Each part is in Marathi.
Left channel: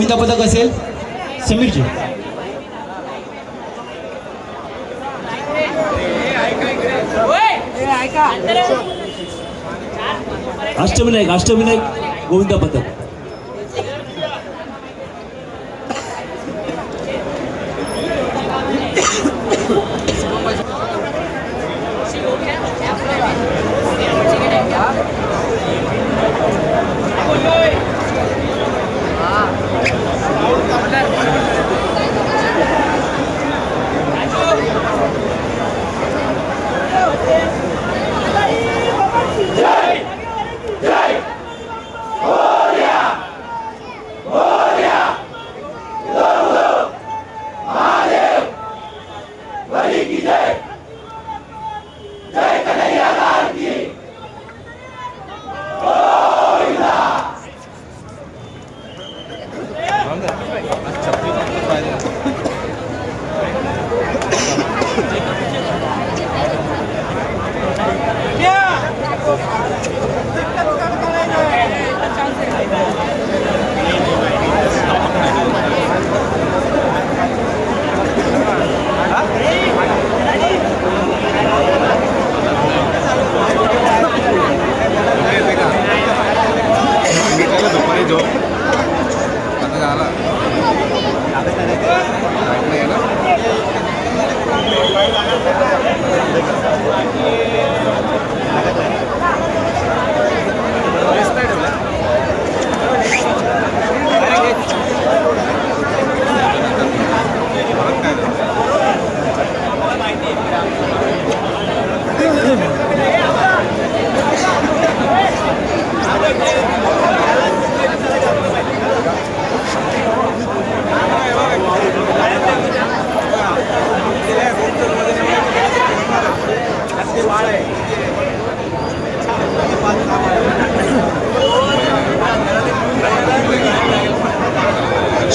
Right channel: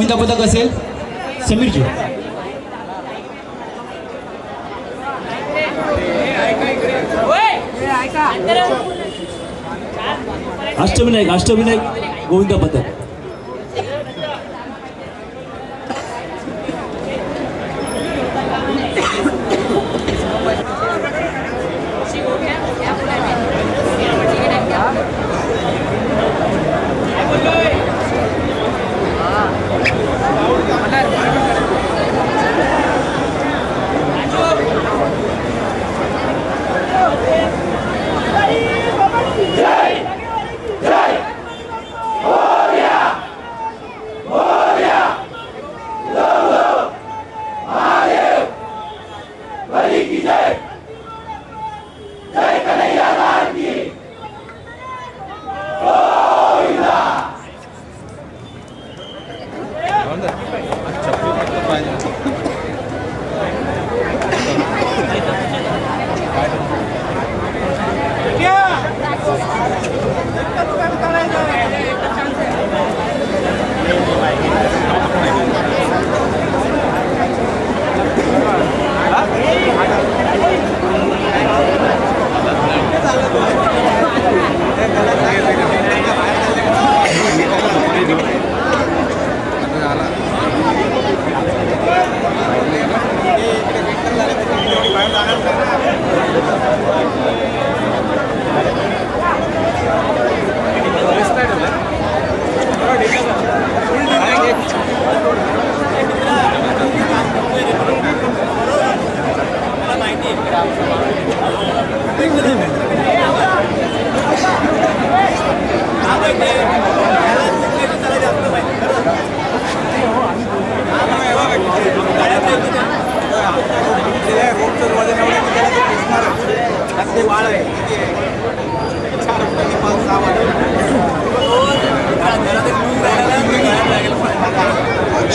गोविंदा पदक असेल समीरजी. अष्टविनायक गोविंदा पदक.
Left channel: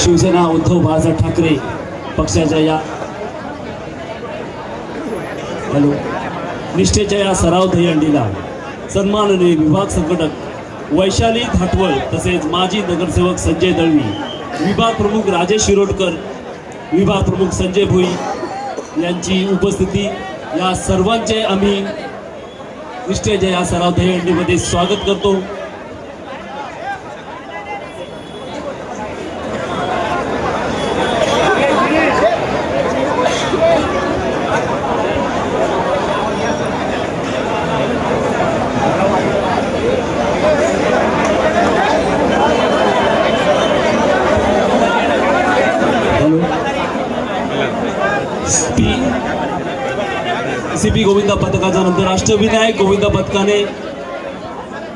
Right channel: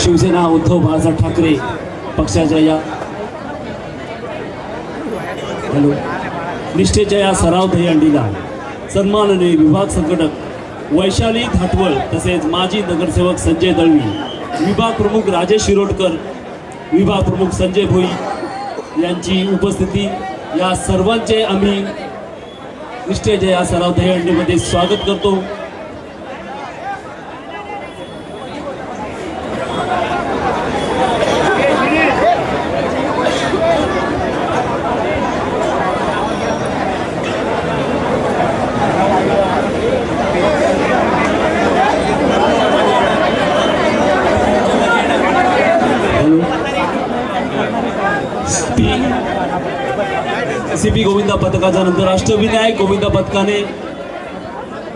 शिवसेना उद्धव बाळासाहेब ठाकरे पक्षाच्या या निष्ठेच्या या सराव दहीहंडीला सन्माननीय विभाग संघटक वैशाली धाटवळ तसेच माजी नगरसेवक संजय दळवी, विभाग प्रमुख राजेश शिरोडकर, विभाग प्रमुख संजय भोई यांची उपस्थिती, या सर्वांचे आम्ही निष्ठेच्या या सराव दहीहंडीमध्ये स्वागत करतो. सीपी गोविंदा पथकाच्या नंतर अष्टविनायक गोविंदा पथकाने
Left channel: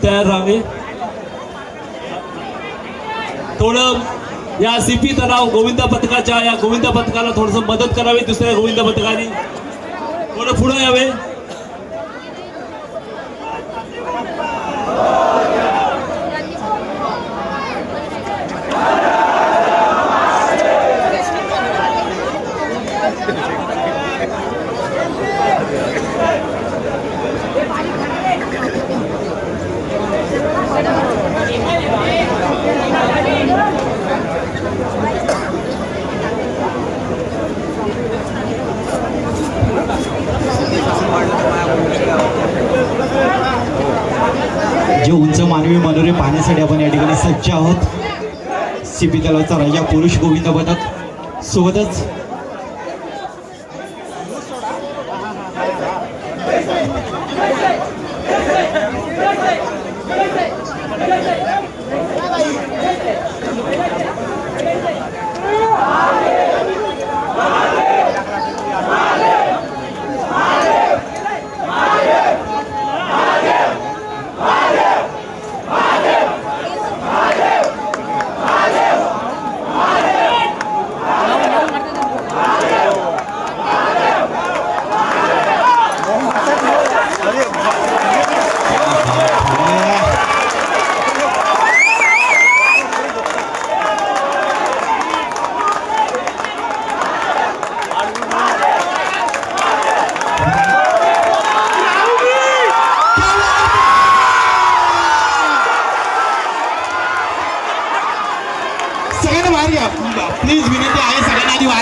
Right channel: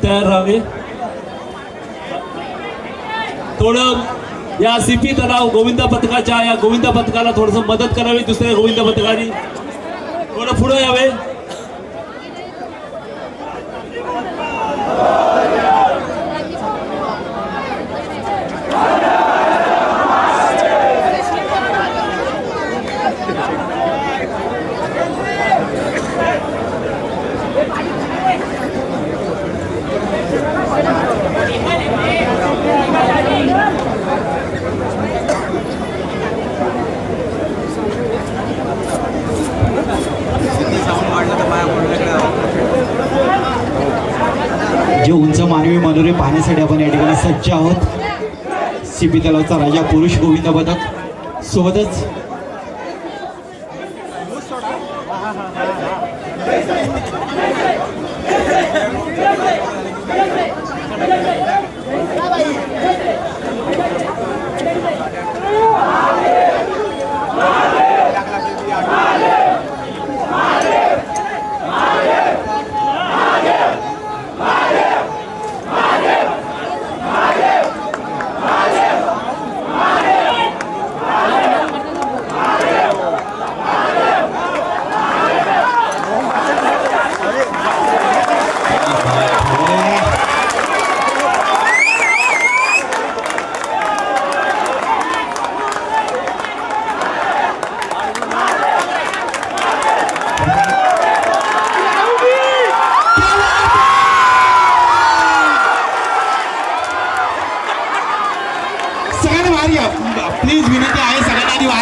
तयार राहावे. थोडं या सीपी तलाव गोविंदा पथकाच्या या गोविंदा पथकाला थोडस मदत करावी. दुसऱ्या गोविंदा पथकाने थोडं पुढे यावे. जे उंच मानवी मनोरे पाहण्यासाठी आपण या ठिकाणी सज्ज आहोत. सीपी तलावचा राजा पुरुष गोविंदा पथक सोबतच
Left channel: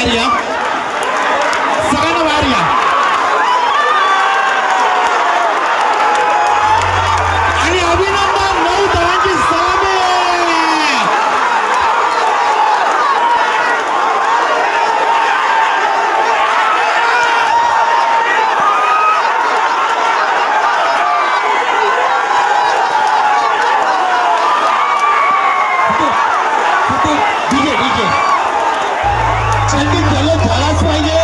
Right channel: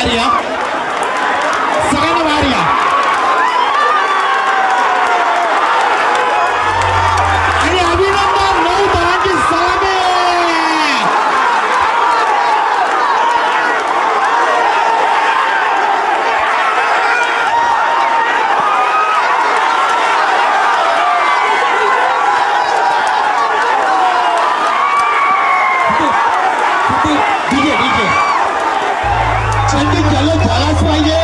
बाहेर या, सगळ्यांना बाहेर या. आणि अभिनंदन नऊ धावांची सलामी. डीजे डीजे संगीत जलद झालाच पाहिजे.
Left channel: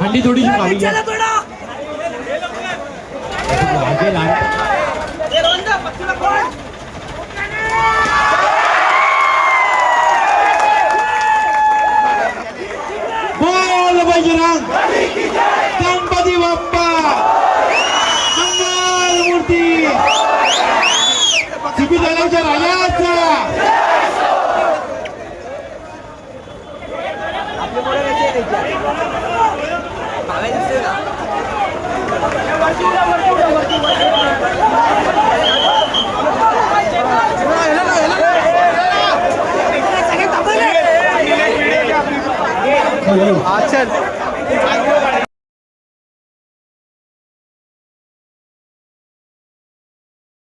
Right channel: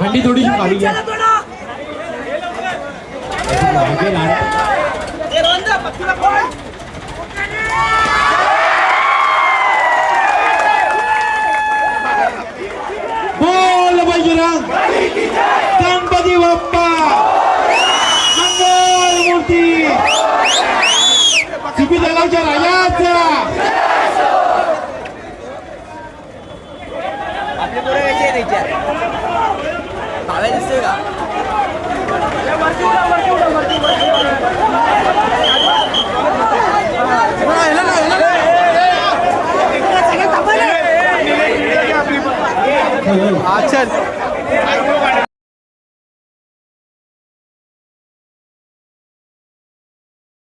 हंडी थोडीशी खाली घ्या. बोल बजरंग गणपती बाप्पा मंगल मूर्ती सिपी जळगावच्या राजाचा. अच्छा